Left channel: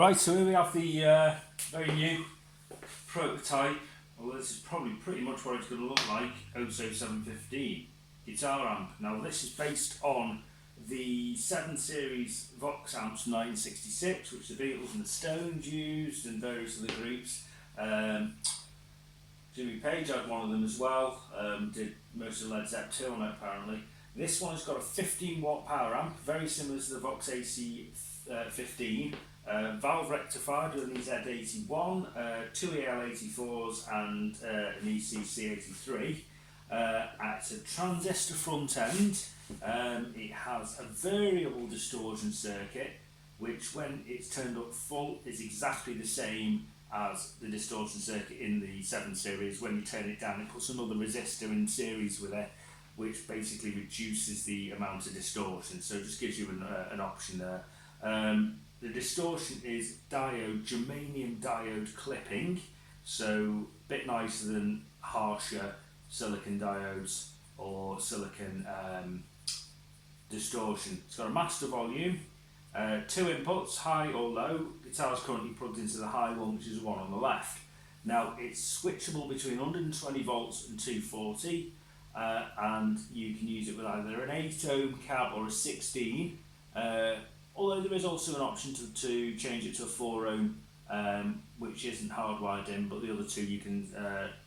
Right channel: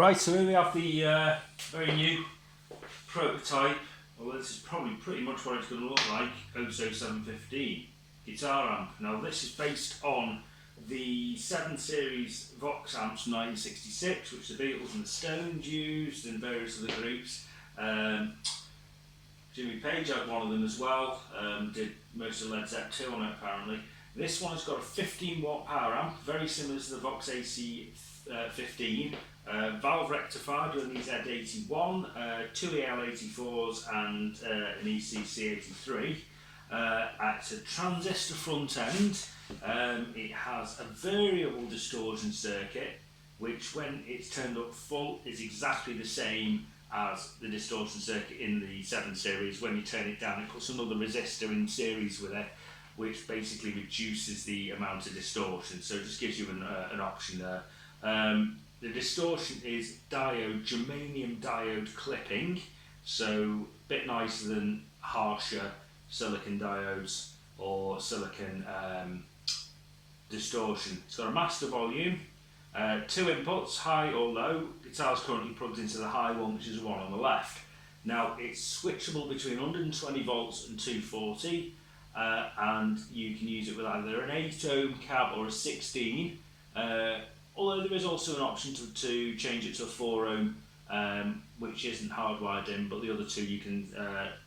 Right, so here we have the very new prototype, well this is probably pretty much what it's going to look like, OSO 715 guitar amp. Now this is based on the 7 Series Vox amps from 1966, which the Beatles and the Stones used and various other groups. Jimmy Page had one of them as well, did most of Led Zeppelin 2 on it apparently. This one's got a 15 watt power amp, very similar to the Vox AC 15. Valve rectifier doing these Z81, 2 EL84s and an ECC83. It's a transistor front end. It has a variable distortion circuit, which when it's turned up full is exactly the same as the distortion circuit in the 7 Series. When you turn it down, it puts another resistor in series with it, which basically reduces the amount of distortion, so it just gives you an option there. The distortion is germanium diode clipping, so a bit nicer than harsher silicon diodes or silicon distortion. It's got a master volume, 2 inputs, high or low. Guitar's currently plugged into the high one, which is the one on the left. Now it's switchable between 120 volts and 240, and you can use it with either an 8 ohm cab or a 16. Although there is also an option to change it to a 4 ohm, which isn't hardwired in, but the other two you can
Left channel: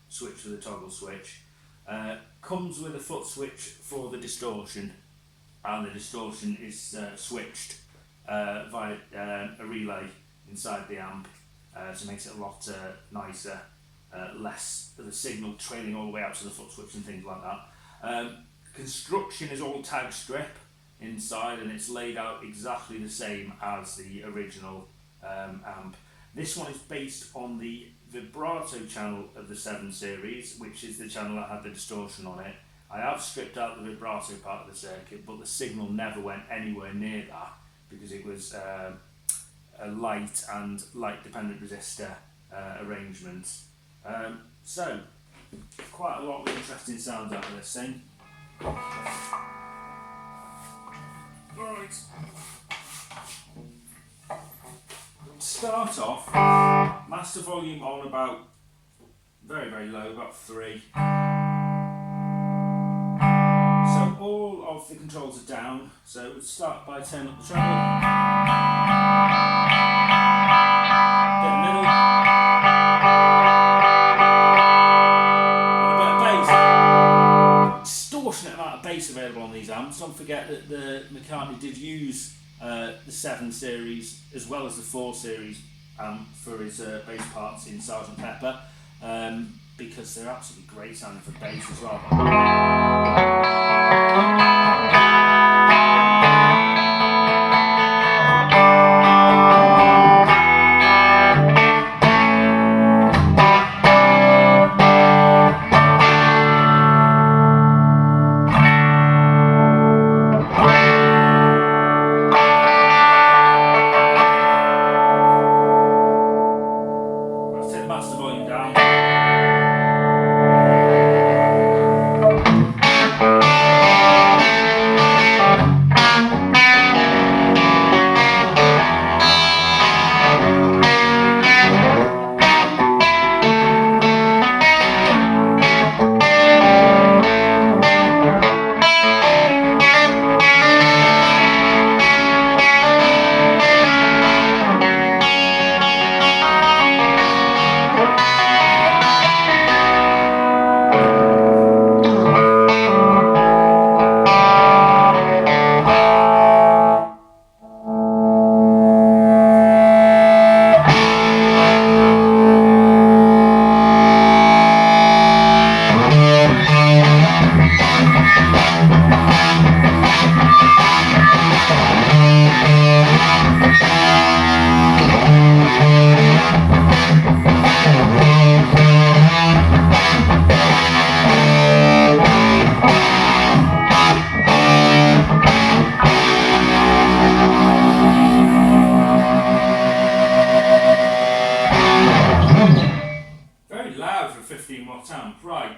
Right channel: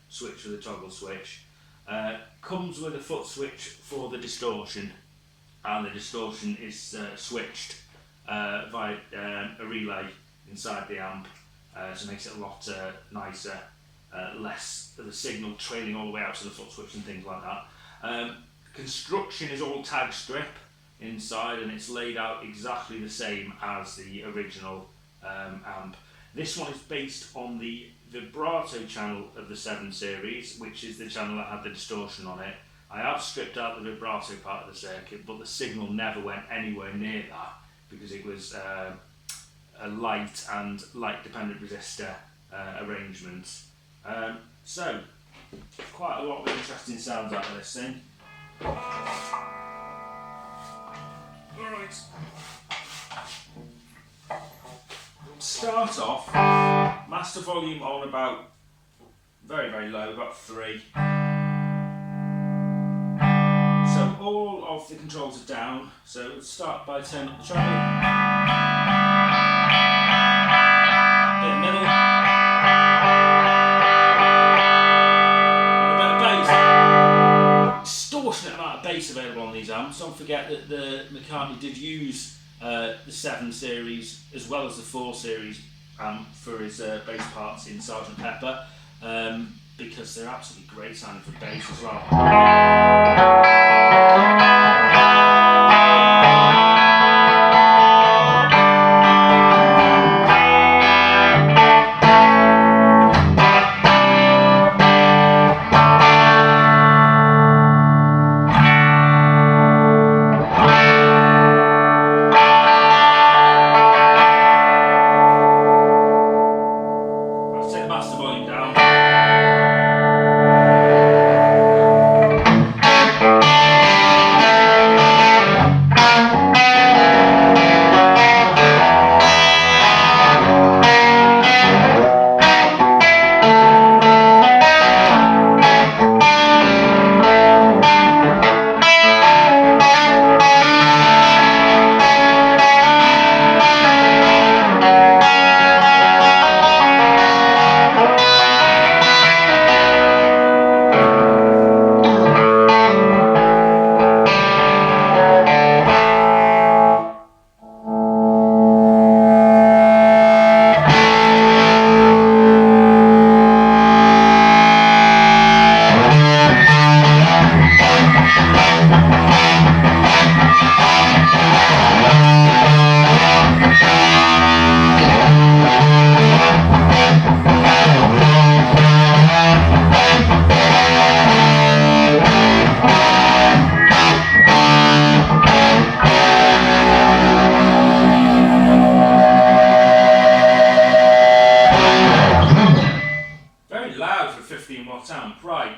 switch with a toggle switch. Comes with a foot switch for the distortion, and the distortion is switched via a relay inside the amp, so it makes it a lot nicer, less of the signal trailing all the way out to the foot switch and things like that. Construction is all tag strip inside, and it's laid out exactly the same as the original amp. This one is based on the vibrato channel of the 7 Series, which is the channel that had the distortion on it. I have stripped out the vibrato part of the circuit, but the signal never went anywhere near that because it was a light and light dependent resistor arrangement. So quite a lot of interesting sounds out of this thing. Right. Start off, master volume on about very, very low, about 3. So all of the controls are down. So let's start by turning up the treble. Bit middle. And a bit of bass. Extortionate amount of bass available on these amps. Don't forget that the McCartney did use the 7 Series as well as the 4 Series amp for his bass parts in Sgt. Pepper, because they're absolutely great sounding for bass as well. Very loud for a 15 watt amp, right.